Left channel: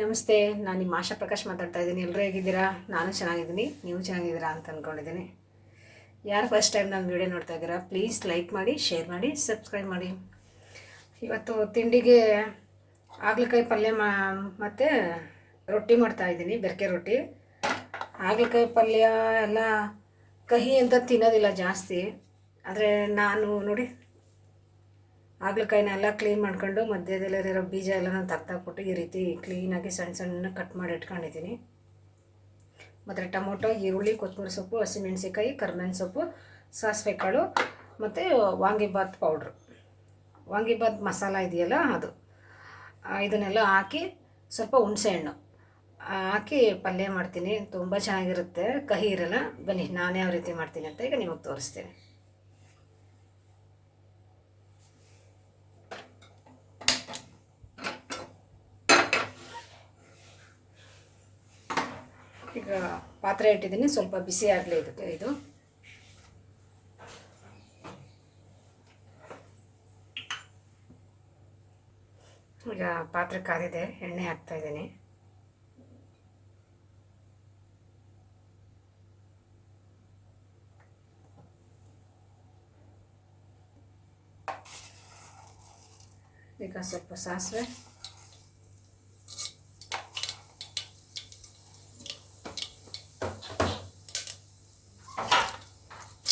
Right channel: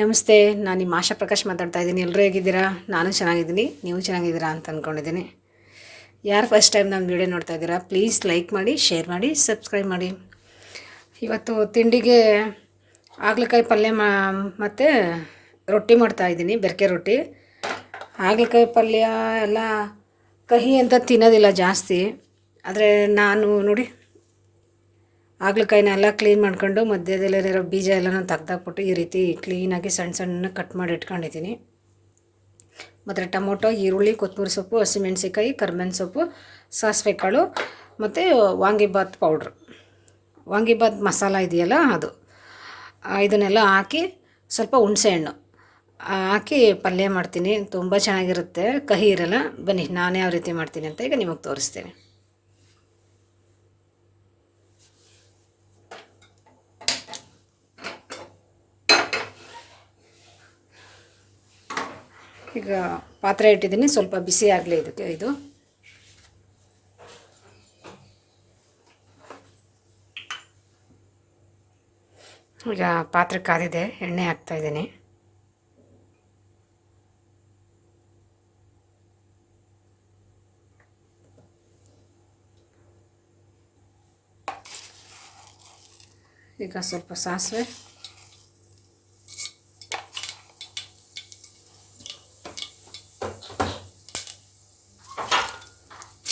ನಮಸ್ತೆ, ನಾನು ನಿಮ್ಮ ಆಶಾ ಪ್ರಕಾಶ್ ಮಾತಾಡ್ತಾ ಇದ್ದೀನಿ. ಎಲ್ಲರೂ ಹೇಗಿದ್ದೀರಾ? ನಾನು ಚೆನ್ನಾಗಿದ್ದೀನಿ. ನೀವು ಚೆನ್ನಾಗಿದ್ದೀರಾ ಅಂತ ಅಂದ್ಕೊಂಡಿದ್ದೀನಿ ಯಾರು ಫಸ್ಟ್ ಟೈಮ್ ನಮ್ಮ ವಿಡಿಯೋ ನೋಡ್ತಾ ಇದ್ದೀರಾ ಪ್ಲೀಸ್ ಲೈಕ್ ಮಾಡಿ ಶೇರ್ ಮಾಡಿ ಸಬ್ಸ್ಕ್ರೈಬ್ ಮಾಡಿ. ಇವತ್ತು ತಿಂಡಿಗೆ ಹಾಗಲಕಾಯಿ ಪಲ್ಯ ಮಾ, ಮತ್ತು ರೊಟ್ಟಿ ಮಾಡ್ತಾ ಇದ್ದೀನಿ, ಬೆರಕೆ ರೊಟ್ಟಿ. ಹಾಗಲಕಾಯಿ ಪಲ್ಯ ಎಲ್ಲ ಕಹಿ ಅಂತ ತಿನ್ನೋದಿಲ್ಲ ಜಾಸ್ತಿ. ಆದರೆ ನಾನು ನೋಡಿ ಹಾಗಲಕಾಯಿನ ಎಲ್ಲ ಕ್ಲೀನ್ ಮಾಡ್ಕೊಂಡು ಮಧ್ಯದಲ್ಲಿರೋ ಬೀಜ ಎಲ್ಲನೂ ತೆಗ್ದಾಕ್ಬಿಟ್ಟು ಈ ರೀತಿ ಕ್ಲೀನಾಗಿ ಸಣ್ಣ ಸಣ್ಣ ಕಟ್ ಮಾಡಿ ಇಟ್ಕೊಂಡಿದ್ದೀನಿ. ಮತ್ತು ಟೊಮೊಟೊ, ಈರುಳ್ಳಿ, ಕೊತ್ತಂಬರಿ ಸೊಪ್ಪು ಹಸಿಮೆಣ್ಸಿಕಾಯಿ ಕರ್ಬೇವಿನ ಸೊಪ್ಪು ಸಾಸಿವೆ ಕಾಳು ಮತ್ತು ವಾಂಗಿಬಾತ್ ಪೌಡ್ರು ವಾಂಗಿಬಾತ್ ಮಸಾಲ ಇದೆಯಲ್ಲ ಅದು. ಇದನ್ನೆಲ್ಲ ಹಾಕಿ ಸ್ವಲ್ಪ ಹುಣಸೆಹಣ್ಣು ಹಾಕಿ ಪಲ್ಯ ಮಾಡ್ತೀನಿ. ತುಂಬ ಚೆನ್ನಾಗಿರುತ್ತೆ. ಕಹಿ ಇರಲ್ಲ. ಬನ್ನಿ, ನಾನು ಯಾವ ರೀತಿ ಮಾಡ್ತೀನಿ ಅಂತ ಈಗ ನಿಮಗೆ ತೋರಿಸ್ತೀನಿ. ಈಗ ಪಾತ್ರೆ ಇಟ್ಟಿದ್ದೀನಿ, ಸ್ವಲ್ಪ ಬಿಸಿ ಆಗಲಿ ಇದಕ್ಕೆ ಇದು. ಈಗ ಪಾತ್ರೆ ಕಾದಿದೆ, ಎಣ್ಣೆ ಹಾಕ್ತಾ ಇದ್ದೀನಿ. ಈಗ ಸ್ವಲ್ಪ ಸಾಸಿವೆ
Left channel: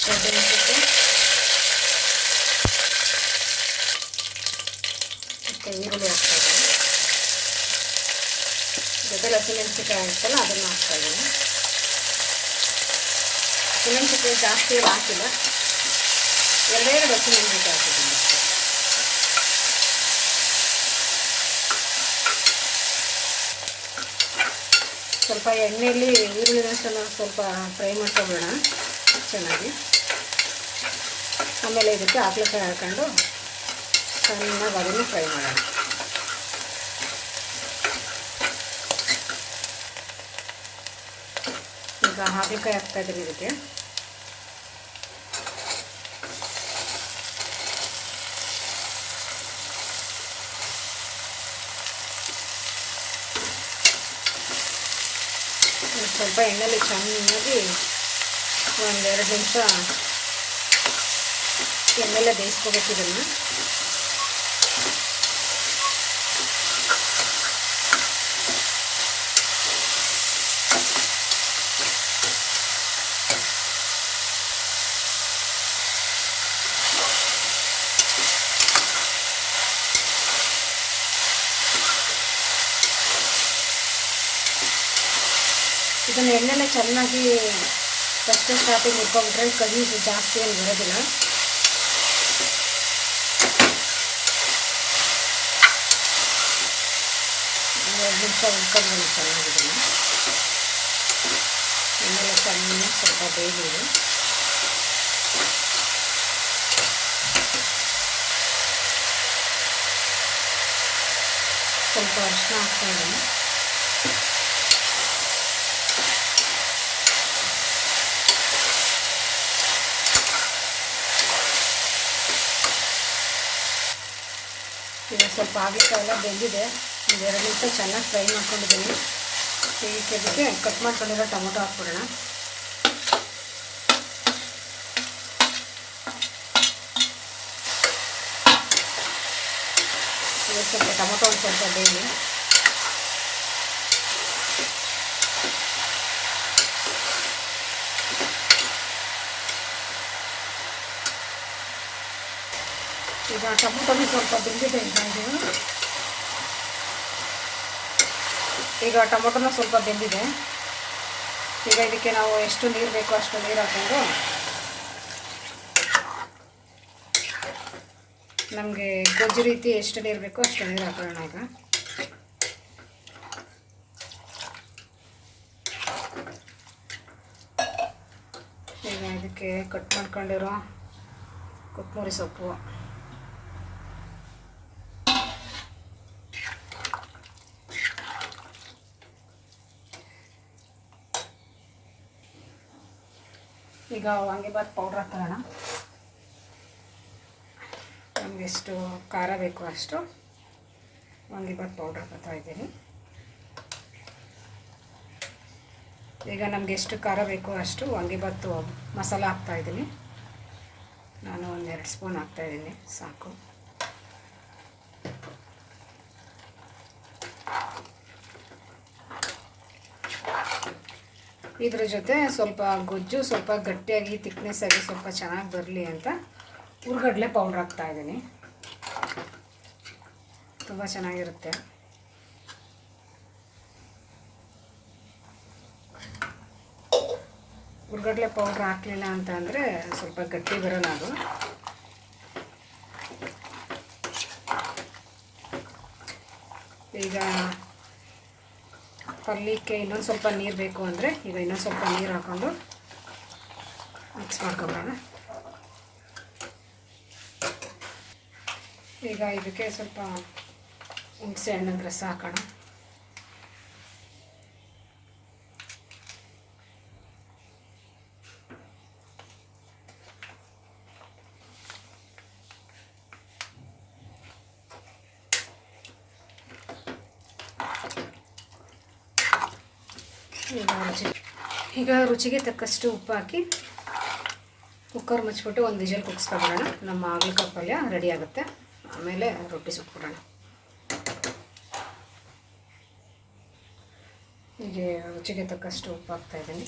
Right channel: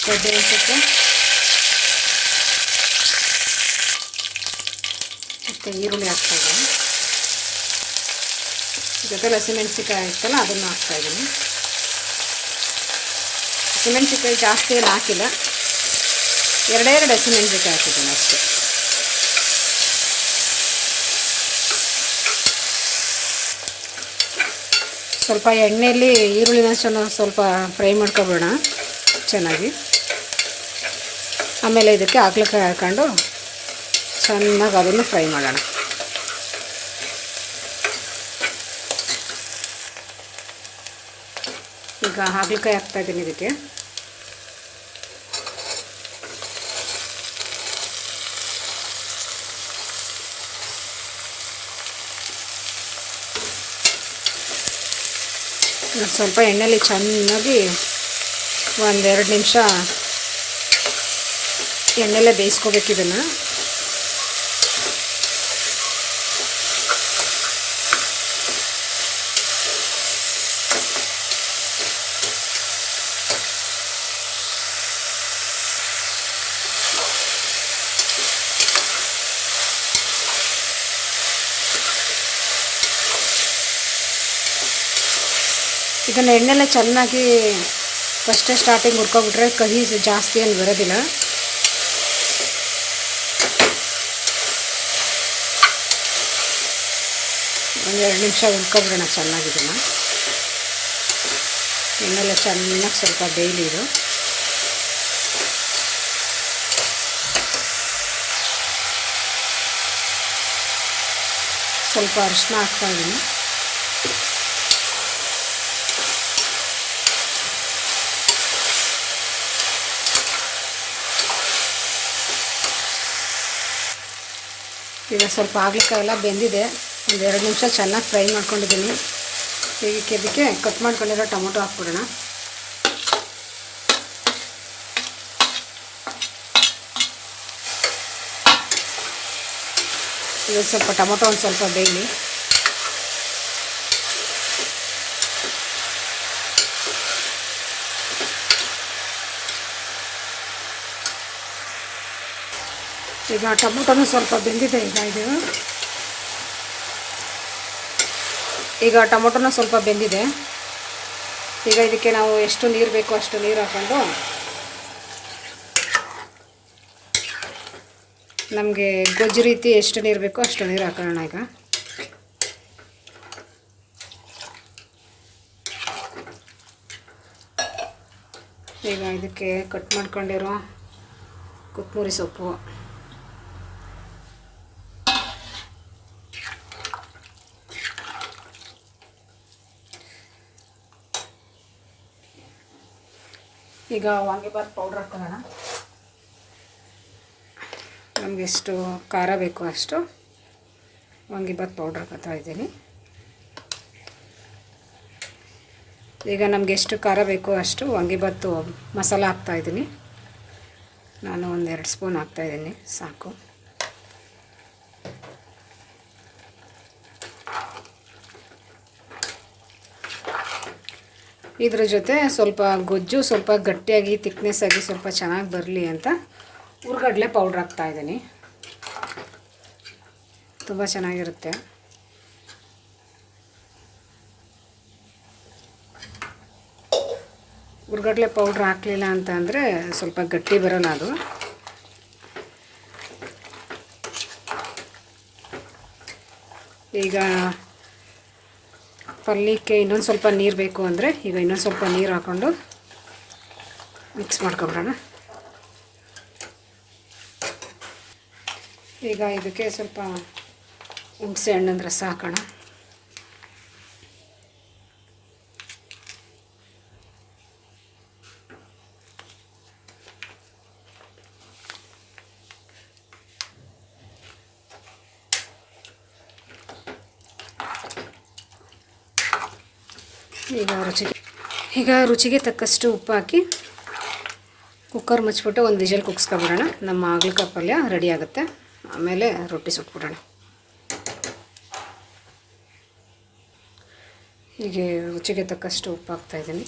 ಕಡ್ಲೆ ಹಾಕಿಟ್ಟು ಮತ್ತು ಈರುಳ್ಳಿ ಹಾಕ್ತಾಯಿದ್ದೀನಿ ಜೊತೆಲಿ ಹಸಿಮೆಣ್ಸಿಕಾಯಿ ಇರ್ತಲ್ಲ ಅದನ್ನು ಹಾಕ್ತಾಯಿದ್ದೀನಿ ಹಸಿಮೆಣ್ಸಿಕಾಯಿ ಜಾಸ್ತಿ ಏನು ಹಾಕಿಲ್ಲ. ಎರಡೆರಡು ಎರಡು ಹಾಕಿದ್ದೀನಿ ಅಷ್ಟೇ. ಸ್ವಲ್ಪ ಎಣ್ಣೆಯಲ್ಲಿ ಚೆನ್ನಾಗಿ ಸ್ವಲ್ಪ ಫ್ರೈ ಮಾಡ್ಕೊಬೇಡ ಚೆನ್ನಾಗಿ. ಆಮೇಲೆ ಇದಕ್ಕೆ ಹಾಕ್ಲಿಕ್ಕೆ ಹಾಕ್ಕೊಂಡು ಚೆನ್ನಾಗಿ ಅದನ್ನು ಫ್ರೈ ಮಾಡೋಣ. ಈಗ ಹಾಗಲಕಾಯಿ ಹಾಕ್ತಾ ಇದ್ದೀನಿ ಇದಕ್ಕೆ. ಇದು ಸ್ವಲ್ಪ ಎಣ್ಣೆಲಿ ಚೆನ್ನಾಗಿ ಒಂದೆರಡು ನಿಮಿಷ ಎಣ್ಣೆಲೇ ಬೇಯಿಸ್ಕೋಬೇಕು ಇದನ್ನು. ಇದನ್ನು ಎಣ್ಣೆಲ್ಲ ಚೆನ್ನಾಗಿ ಫಸ್ಟೇ ಸ್ಟಾರ್ಟಿಂಗ್ ಹುಡ್ಕೊಬಿಟ್ರೆ ಕಹಿ ಜಾಸ್ತಿ ಏನು ಬರೋದಿಲ್ಲ. ಒಂದು ಎರಡು ನಿಮಿಷ ಹುರ್ಕೊಬಿಡೋಣ ಚೆನ್ನಾಗಿ ಇದನ್ನು ಎಣ್ಣೆಲ್ಲ ಚೆನ್ನಾಗಿ ಸ್ವಲ್ಪ ಬೇಯಲಿ ಇದು. ಸ್ವಲ್ಪ ಅರಿಶಿನ ಹಾಕ್ತಾ ಇದ್ದೀನಿ ಈಗ ಸ್ವಲ್ಪ ಎಲ್ಲ ಬೆಂದಿದೆ. ಒಂದು ಎರಡು ನಿಮಿಷ ಚೆನ್ನಾಗಿ ಫ್ರೈ ಮಾಡ್ಕೊಂಡಿದ್ದೀನಿ. ಈಗ ಇದಕ್ಕೆ ಕಟ್ ಮಾಡ್ಕೊಂಡಿರೋ ಟೊಮೊಟೊ ಹಾಕ್ಬಿಡೋಣ. ಸ್ವಲ್ಪ ಟೊಮೊಟೊ ಒಂದು ಸ್ವಲ್ಪ ಬೇಯಲಿ ಈಗ ಟೊಮೊಟೊನು ಸ್ವಲ್ಪ ಬೆಂದಿದೆ ಈಗ ಈಗ ಟೊಮೊಟೊನು ಸ್ವಲ್ಪ ಬೆಂದಿದೆ. ಈಗ ಇದಕ್ಕೆ ನಾವು ಎಷ್ಟು ನೀರು ಬೇಕೋ ಅಷ್ಟು ನೀರು ಹಾಕೊಂಡು ನಮಗೆ ಗೊಜ್ಜು ರೀತಿ ಎಷ್ಟು ನೀರು ಬೇಕೋ ಅಷ್ಟು ನೀರು ಹಾಕೋಣ ಈಗ. ಈಗ ಇದಕ್ಕೆ ಕಟ್ ಮಾಡ್ಕೊಂಡಿರೋ ಕೊತ್ತಂಬರಿ ಸೊಪ್ಪು. ಈಗ ವಾಂಗಿಬಾತ್ ಪೌಡ್ರ್ ಹಾಕೋಣ. ಒಂದಿಷ್ಟು ಖಾರ ಬೇಕು ಅಷ್ಟು ವಾಂಗಿಬಾತ್ ಪೌಡ್ರ್ ಹಾಕ್ತಾ ಇದ್ದೀನಿ. ಈಗ ನಮಗೆ ಎಷ್ಟು ಖಾರ ಬೇಕು ಅಷ್ಟು ವಾಂಗಿಬಾತು ಮಸಾಲ ಹಾಕ್ತಾಯಿದ್ದೀನಿ ನಾನು ಒಂದೆರಡು ಸ್ಪೂನ್ ಹಾಕ್ತಾಯಿದ್ದೀನಿ ಸಾಕು. ಇದ್ರ ಜೊತೆ ಸ್ವಲ್ಪ ಗೊಜ್ಜು, ಸ್ವಲ್ಪ ಗಟ್ಟಿಯಾಗಿ ತಿಕ್ನೆಸ್ ಆಗಿ ಸ್ವಲ್ಪ ಚೆನ್ನಾಗಿ ಬರಲಿ ಅಂತ ಹುರ್ಗಡ್ಲೆ ಪೌಡ್ರ್ ಹಾಕ್ತಾಯಿದ್ದೀನಿ ತುಂಬ ಚೆನ್ನಾಗಿರುತ್ತೆ. ಹುರ್ಗಡ್ಲೆ ಪೌಡ್ರ್ ಹಾಕಲಿಲ್ಲ ಅಂತ ಅಂದರೆ ಸ್ವಲ್ಪ ಗಟ್ಟಿ ಬರೋಲ್ಲ ಅದು. ಈಗ ಪಲ್ಯಕ್ಕೆ ಇನ್ನೊಂದು ಸ್ವಲ್ಪ ನೀರು ಬೇಕು ಅಂದರೆ ಈಗ ಇನ್ನೊಂದು ಸ್ವಲ್ಪ ನೀರು ಹಾಕ್ಕೊಂಡು ಮಿಕ್ಸ್ ಮಾಡ್ಕೊಬಿಡೋಣ ಈಗ ಇದಕ್ಕೆ ಸ್ವಲ್ಪ ಹುಣಸೆ ಹಣ್ಣಂದ್ರೆ ರಸ ಈಗ ರುಚಿಗೆ ಈಗ ರುಚಿಗೆ ತಕ್ಕಷ್ಟು ಉಪ್ಪು ಹಾಕಿ ಕುಕ್ಕರ್ ಮುಚ್ಚಿಬಿಟ್ಟು ಒಂದು ವಿಜಲ್ ಕುಗ್ಸ್ಕೊಬಿಡೋಣ. ನಮ್ಮ ಆಗ್ಲಕಾಯಿ ಪಲ್ಯ ರೆಡಿ ಆಗುತ್ತೆ. ಆಮೇಲೆ ರೊಟ್ಟಿ ಸುಟ್ಬಿಡೋಣ. ಹೀಗೆ ರುಚಿಗೆ ತಕ್ಕಷ್ಟು ಉಪ್ಪು ಹಾಕ್ತಾಯಿದ್ದೀನಿ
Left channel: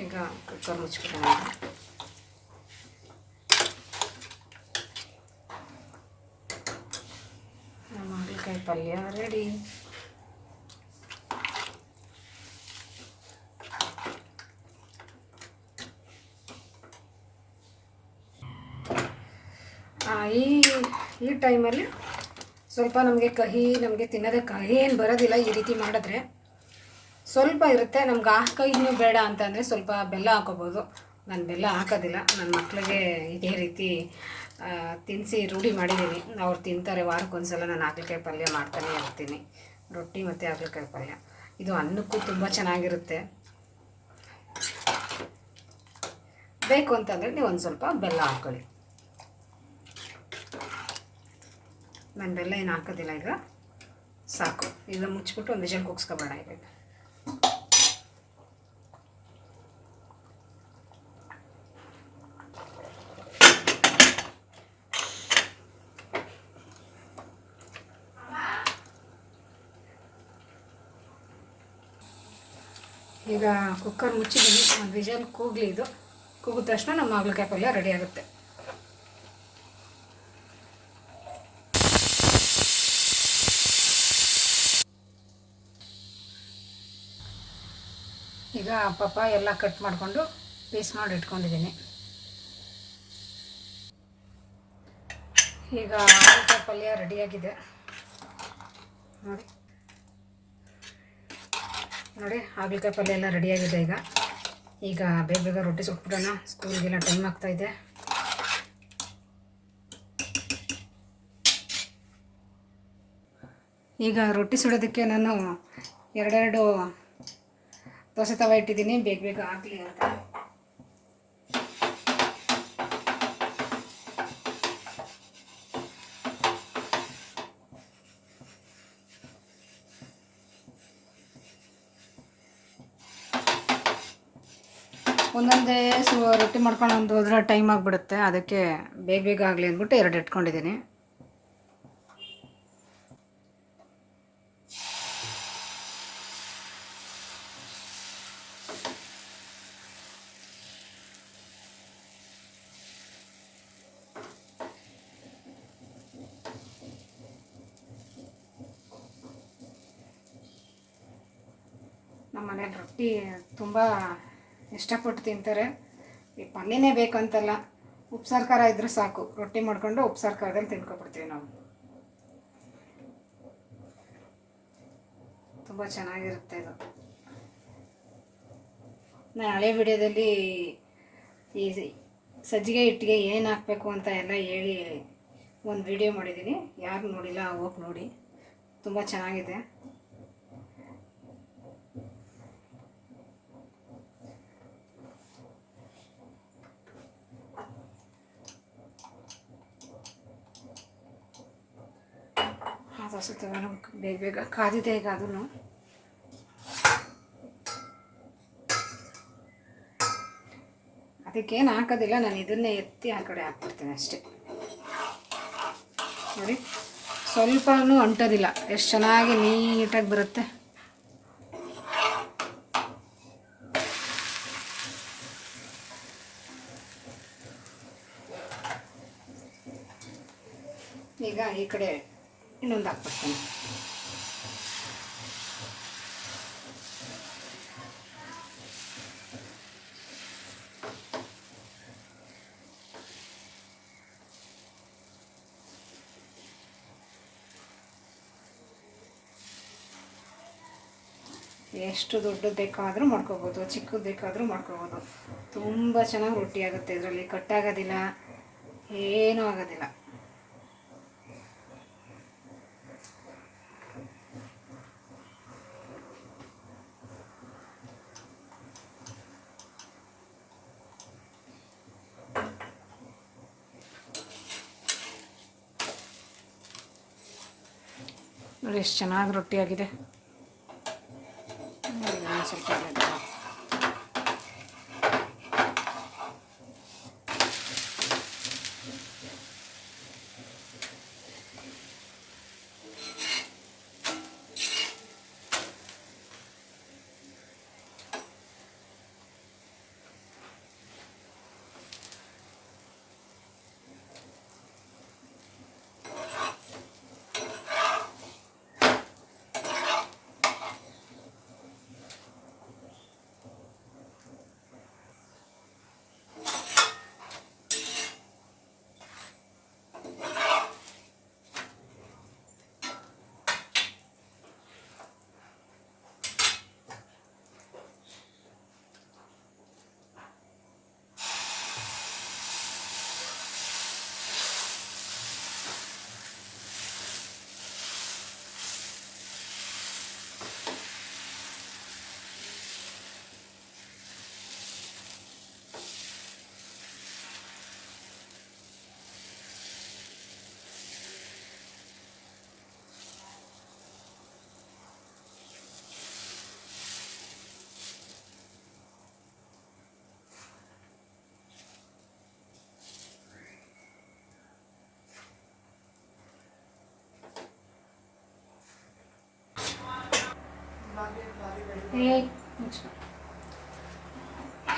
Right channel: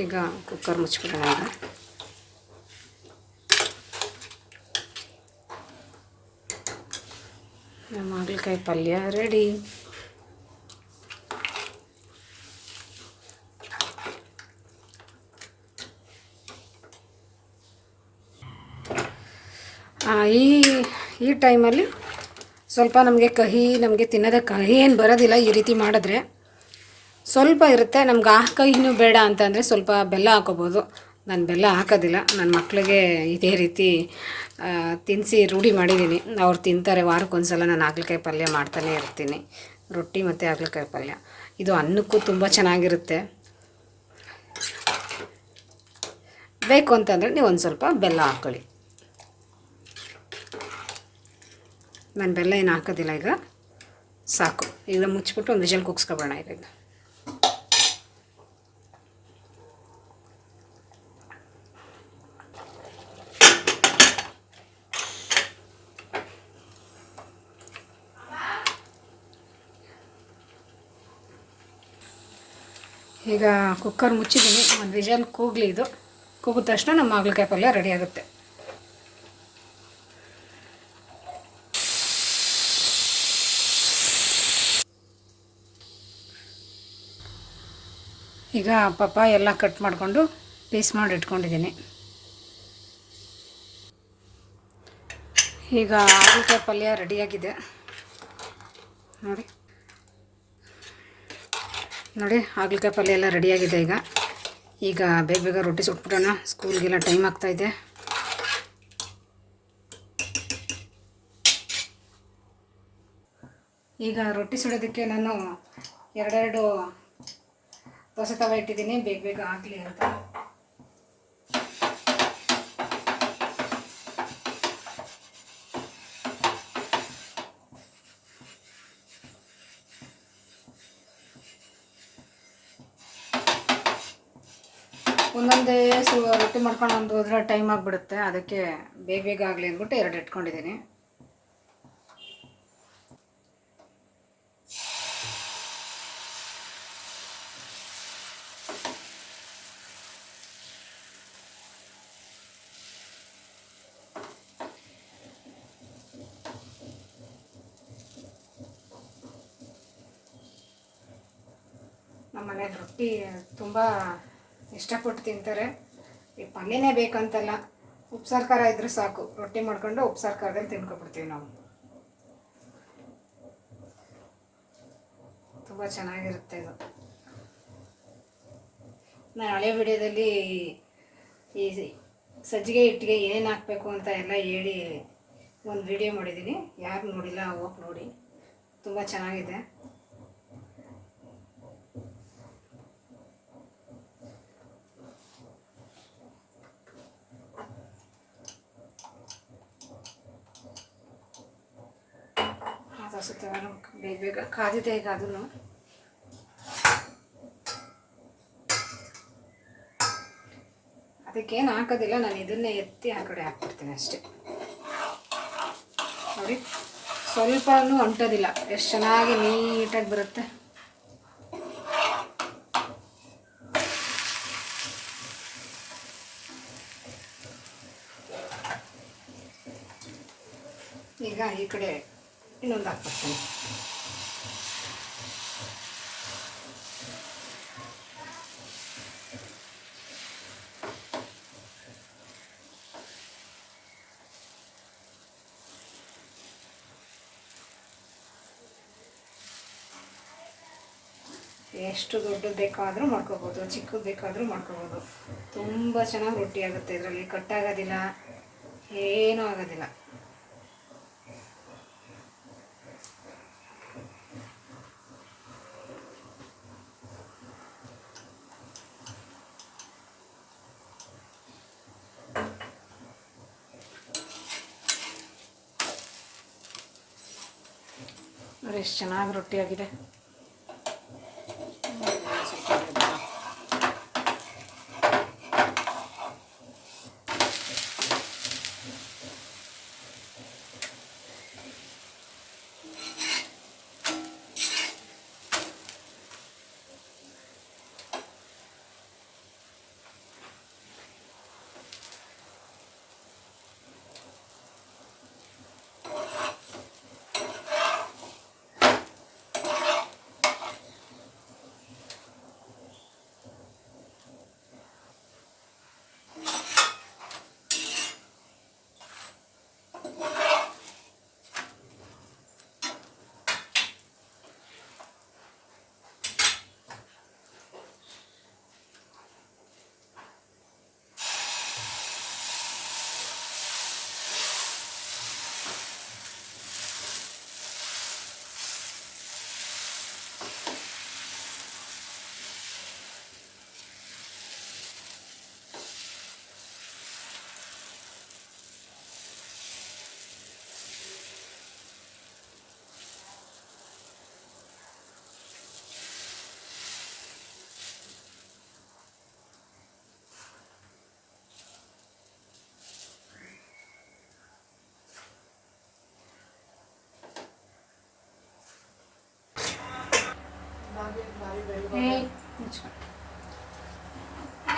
ಈಗ ಕುಕ್ಕರ್ ಮುಚ್ಚಿಬಿಡೋಣ ನಮ್ಮ ಹಾಗಲಕಾಯಿ ಪಲ್ಯ ರೆಡಿ ಈ ಈ ಟೈಮಲ್ಲಿ ಸ್ವಲ್ಪ ನಮಗೆ ಕಹಿ, ನಮಗೆ ತಿನ್ನೋದಕ್ಕೆ ಕಹಿ ಏನು ಬರೋದಿಲ್ಲ ಈ ರೀತಿ ಮಾಡಿದ್ರೆ. ಸ್ವಲ್ಪ ಇರುತ್ತೆ. ನಮ್ಗೆ ಹಾಕೋ ಇನ್ನೂ ಬೇಡ ಅಂತಂದರೆ ಸ್ವಲ್ಪ ಬೆಲ್ಲ ಹಾಕೋಬೋದು. ನಾನು ಬೆಲ್ಲ ಹಾಕೋದಿಲ್ಲ. ನನ್ನ ಮಕ್ಕಳಿಗೆ ಇದೇ ರೀತಿ ತಿನ್ನಿಸಿ ರೂಢಿ ಮಾಡಿದ್ದೀನಿ ಅವ್ರು ತಿಂತಾರೆ. ವಾರಕ್ಕೊಂದ್ಸಲ ನಾನು ಹಾಗಲಕಾಯಿ ಪಲ್ಯ ಮಾಡ್ತಾನೆ ಇರ್ತೀನಿ. ರೊಟ್ಟಿ ಮತ್ತು ಹಾಗಲಕಾಯಿ ಪಲ್ಯ. ಇದು ಅನ್ನಕ್ಕೂ ತುಂಬ ಚೆನ್ನಾಗಿರುತ್ತೆ. ಬೇಕು ಅಂತಂದರೆ ನೀವು ಒಂದು ಸ್ವಲ್ಪ ಬೆಲ್ಲ ಹಾಕ್ಕೊಳ್ಳಿ ನಾನು ಬೆಲ್ಲ ಏನು ಹಾಕೋದಿಲ್ಲ ಈಗ. ಸಾಕು. ಈಗ ಮುಚ್ಚಿಬಿಟ್ಟು ಒಂದು ವಿಷಲ್ ಕುಗ್ಸ್ಕೊಬೋಣ ಈಗ. ಈಗ ಕುಕ್ಕರ್ ಮುಚ್ಚಿದ್ದೀನಿ. ಒಂದು ವಿಜನ್ ಕೂಗ್ಲಿ ಇದು. ಕೂಗಿದ ತಕ್ಷಣ ನಮ್ಮ ಹಾಗಲಕಾಯಿ ಪಲ್ಯ ರೆಡಿ ಆಗುತ್ತೆ. ಈಗ ಪಪ್ಪ ಎಲ್ಲ ಕಟ್ ಮಾಡಿಕೊಂಡು ಪೀಸ್ ಮಾಡಿ ಇಟ್ಕೊಂಡಿದ್ದೀನಿ. ಈಗ ಹಾಗಲಕಾಯಿ ಪಲ್ಯ ರೆಡಿಯಾಗಿದೆ ನೋಡಿ. ನೋಡಿ, ಹಾಗಲಕಾಯಿ ಪಲ್ಯ ಎಲ್ಲ ರೆಡಿಯಾಗಿದೆ ಈಗ. ಈಗ ಬೇಗ ಬೇಗ ರೊಟ್ಟಿ ಸುಟ್ಬಿಡೋಣ. ಸ್ಕೂಲ್ಗೆಲ್ಲ ಟೈಮ್ ಆಗ್ತಾಯಿದೆ ಈಗ ರೊಟ್ಟಿ ಸುಡೋದಕ್ಕೆ ನಾನು ಎರಡೆರಡು ದೋಸೆ ತವ ಇಟ್ಟಿದ್ದೀನಿ. ಬೇಗ ಬೇಗ ಆಗಲಿ ಅಂತ. ಮಾಡ್ಕೊಂಡು ಒಂದು ಹೋದ್ರೆ ಟೈಮ್ ಆಗಿಬಿಡುತ್ತೆ. ಅದಕ್ಕೆ ಬೇಗ ಬೇಗ ಆಗಲಿ ಅಂದ್ಬಿಟ್ಟು ಎರಡು ಇಟ್ಕೊಂಡಿದ್ದೀನಿ ನಮ್ಮ ಮನೇಲಿ ರೊಟ್ಟಿ ತುಂಬ ಇಷ್ಟಪಟ್ಟು ತಿಂತಾರೆ. ಪಲ್ಯನೇ ಬೇಕಂತಲ್ಲ. ಉಪ್ಸಾರು ಖಾರ ಇದ್ರೆ ಸಾಕು. ರೊಟ್ಟಿ ಮಾಡ್ಕೊಂಡು ಉಪ್ಸಾರು ಖಾರದಲ್ಲಿ ತಿನ್ಕೊಬಿಡ್ತೀವಿ ನಾವು. ತುಂಬ ಚೆನ್ನಾಗಿರುತ್ತೆ ಇದು. ನಾನು ಹಳೆ ವಿಡಿಯೋದಲ್ಲಿ ಈ ಸಜ್ಜಿಗೆ ಹಿಟ್ಟಿಗೆ ಏನು ಹಾಕಬೇಕು ಅಂತ ಎಲ್ಲ ಹೇಳಿ ಒಂದು ವಿಡಿಯೋ ಮಾಡಿದ್ದೀನಿ ಯಾರು ನೋಡಿಲ್ಲ, ಹೋಗಿ ನೋಡಿ. ತುಂಬ ಚೆನ್ನಾಗಿದೆ. ಕಾಸುತ್ತೆ ಬೇಗ ಬೇಗ ಕಾದಿದೆ ಈಗ ಅದನ್ನು ಅದಕ್ಕೇನು ಹಾಕೋದಿಲ್ಲ, ನಾನು ಇದನ್ನೇ ಎತ್ತಿ ಆ ಕಡೆ ಹಾಕ್ಬಿಡ್ತೀನಿ ಅಷ್ಟೇ. ನೋಡಿ, ಸ್ವಲ್ಪನೂ ಅಂಟೋದಿಲ್ಲ, ಎಷ್ಟು ಚೆನ್ನಾಗಿ ನೀಟಾಗಿ ಬರುತ್ತೆ. ಈಗ ಈ ಕಡೆ ಇನ್ನೊಂದು ಹಾಕ್ಬಿಡ್ತೀನಿ ಎಷ್ಟು ದೊಡ್ಡದು ಬೇಕಾದರೂ ಮಾಡ್ಕೋಬೋದು, ಚಿಕ್ಕದು ಬೇಕಾದರೂ ಮಾಡ್ಕೋಬೋದು. ತುಂಬ ಚೆನ್ನಾಗಿ ರೊಟ್ಟಿ ಆಗುತ್ತೆ ಇದರಲ್ಲಿ, ಕಟ್ಟಾಗೋದಿಲ್ಲ, ಏನೂ ಆಗೋದಿಲ್ಲ. ನೋಡಿ ಎಷ್ಟು ಚೆನ್ನಾಗಿ ರೊಟ್ಟಿ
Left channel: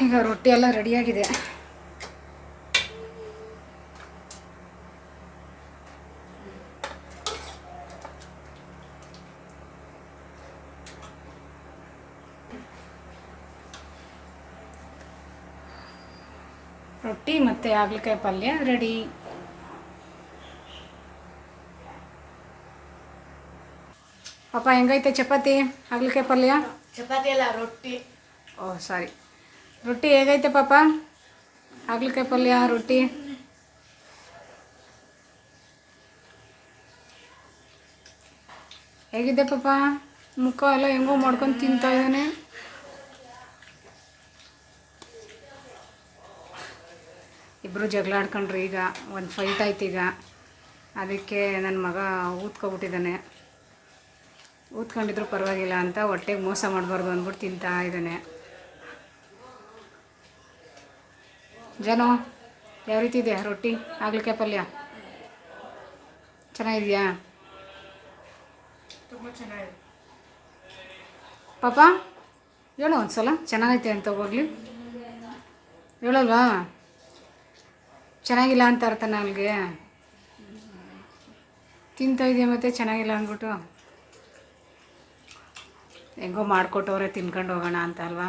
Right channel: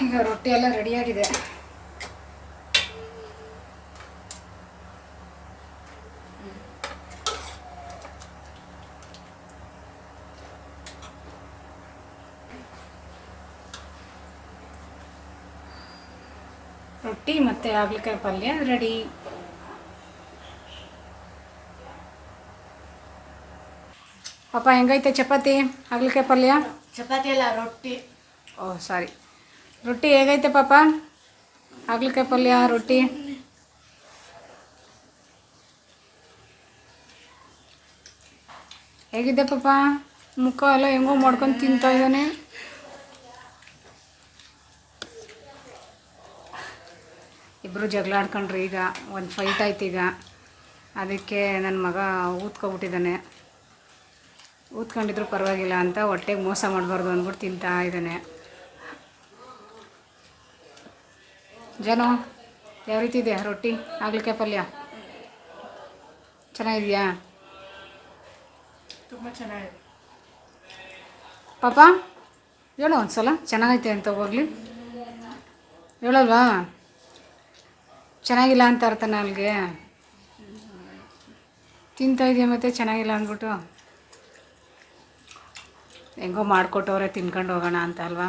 ಈಗ ರೊಟ್ಟಿ ಎಲ್ಲ ರೆಡಿಯಾಗಿದೆ ರೊಟ್ಟಿ ಮತ್ತು ಹಾಗಲಕಾಯಿ ಪಲ್ಯ ರೆಡಿ ಪಾಪ ಹೆಂಗೈತೆ ಚಪಾತಿ ಹಾಗಲಕಾಯಿ ಪಲ್ಯ? ಚಪಾತಿ ಅಲ್ಲ ರೊಟ್ಟಿ. ಓ ಸಾರಿ. ರೊಟ್ಟಿ ಹೇಗೈತೆ ಪಾಪ? ಹಾಗಲಕಾಯಿ ಪಲ್ಯ, ರೊಟ್ಟಿ? ಹೇಗಿದೆ ಪಾಪ? ಮುಖ ಎಲ್ಲ ಹೆಂಗೋ ಮಾಡ್ಕೊಂಡು ತಿಂತಾ ಇದ್ದಾನೆ. ಇಬ್ಬರು ಜಗಳ ಆಡ್ಕೊಂಡ್ರಿ ಈಗ, ಒಂದು ಫೈಟ್ ಆಯ್ತು ಈಗ. ಅದಕ್ಕೆ ನನ್ನ ಮಗ ಊದ್ಕೊಬಿಟ್ಟಿದ್ದಾನೆ. ಊದ್ಕೊಂಡಿದ್ರು ಪರವಾಗಿಲ್ಲ ಅಂತ ಹೊಟ್ಟೆಗೆ ಮೋಸ ಮಾಡಬಾರ್ದು ಅಂದ್ಬಿಟ್ಟು ತಿಂತಾ ಇದ್ದಾನೆ. ಜನ ಯಾವ ರೀತಿ ಇದೆ ರೊಟ್ಟಿ? ಆಗ್ಲಿಕ್ಕೆ ಪಲ್ಯ? ಚೆನ್ನಾಗಿದೆಯಾ? ತುಂಬ ಚೆನ್ನಾಗಿದೆ. ಪಾಪ ಹೇಳು ಒಂದು ಸಲ ಚೆನ್ನಾಗೈತೆ ಅಂತ ಹೋಗ್ಲಿ. ಹೇಳಲ್ವಾ? ಚೆನ್ನಾಗಿಲ್ಲ ಅಂತ ಅರ್ಥನ ಅಲ್ಲಿಗೆ ತಿಂತಾ ಇದೆಯಾ ಮತ್ತೆ? ಚೆನ್ನಾಗಿಲ್ಲ ಅಂದ್ಬಿಟ್ಟು. ಹೆಂಗೋ ಮಾಡಿಕೊಟ್ಟವ್ರೆ ತಿನ್ಕೊಂಡು ಹೋಗೋಣ ಅಂತ ಅಲ್ವಾ?